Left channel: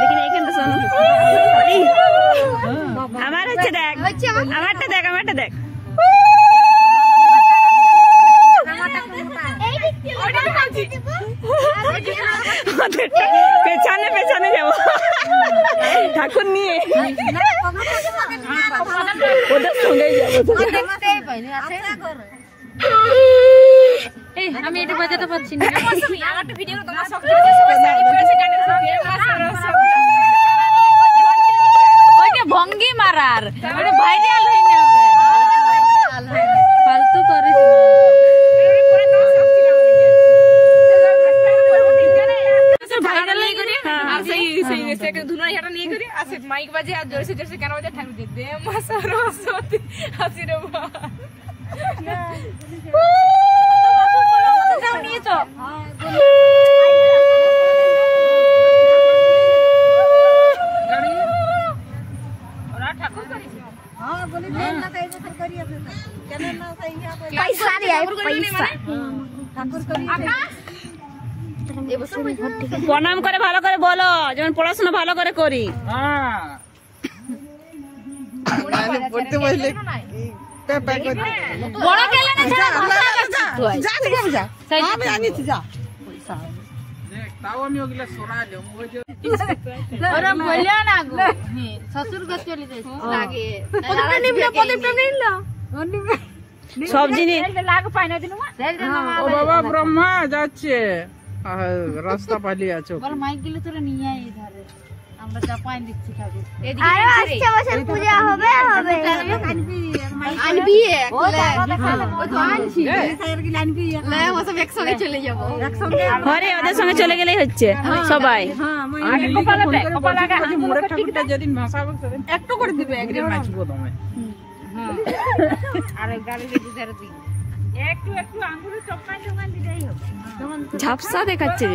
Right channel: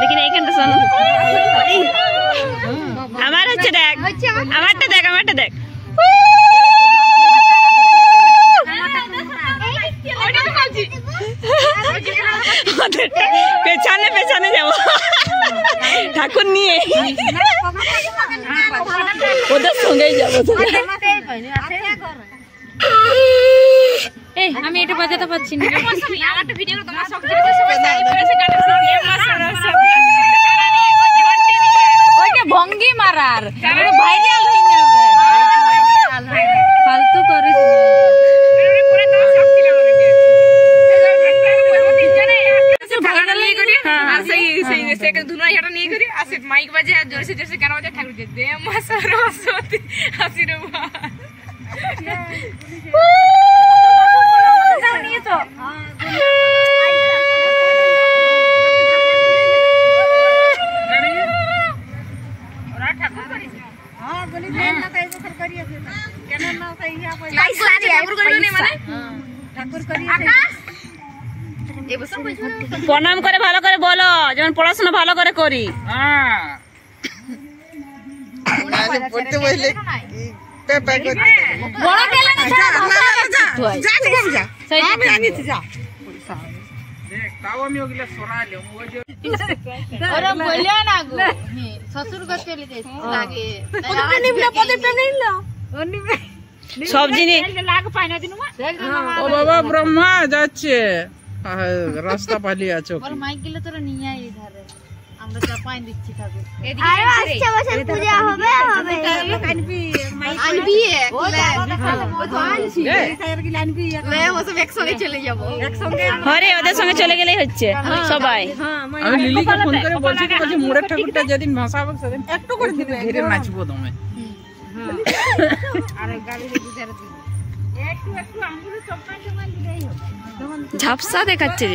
लेकिन এইখানটা শোনো আমার হচ্ছে দেখ আমারটা দেখ পেছনে যাবো ঠাকুর নিয়ে ওদের সঙ্গেই যাবো আমি এটা বাজাতে পারছি না ভঙ্গি মারার ফালতু করে माइक बजे जोर से गाना बजे ठाकुर जी दे मां सरस्वती हंसी रे नहीं तो ओरा ठाकुर करी हां बोली ना कई बखर करिए केन ना कई ठाकुर करी माने ठाकुर करी প্রণাম করে ভালো করে বলো যেমন পড়াশোনা ভালো করে করি সব জিনিস বাবা ব্রহ্মা যাচ্ছে রাস্তা পালিয়ে আছো বল মাইক গেলে তোরা নিয়ে আয় ধরে আমরা চাপাই দিচ্ছি ঠাকুর এদিকে আচ্ছা বসে পূজা হবে আনবি ওই তো আনছি লে ও সব একসঙ্গে চলে যাব হরে ওদের সঙ্গে চলে গেলেই হচ্ছে সবাই আমি লিলিকে ফোন করে বলছি যে মোড়ের ঠাকুরটা যেদিন ভাসাবে সেদিন একটু করে দিবে একটু নাচবো তুমি আর গালিতে দিদার দিই একটু আঙ্গুলে চপাই দিলেই হবে ঝাপসা দেখাচ্ছে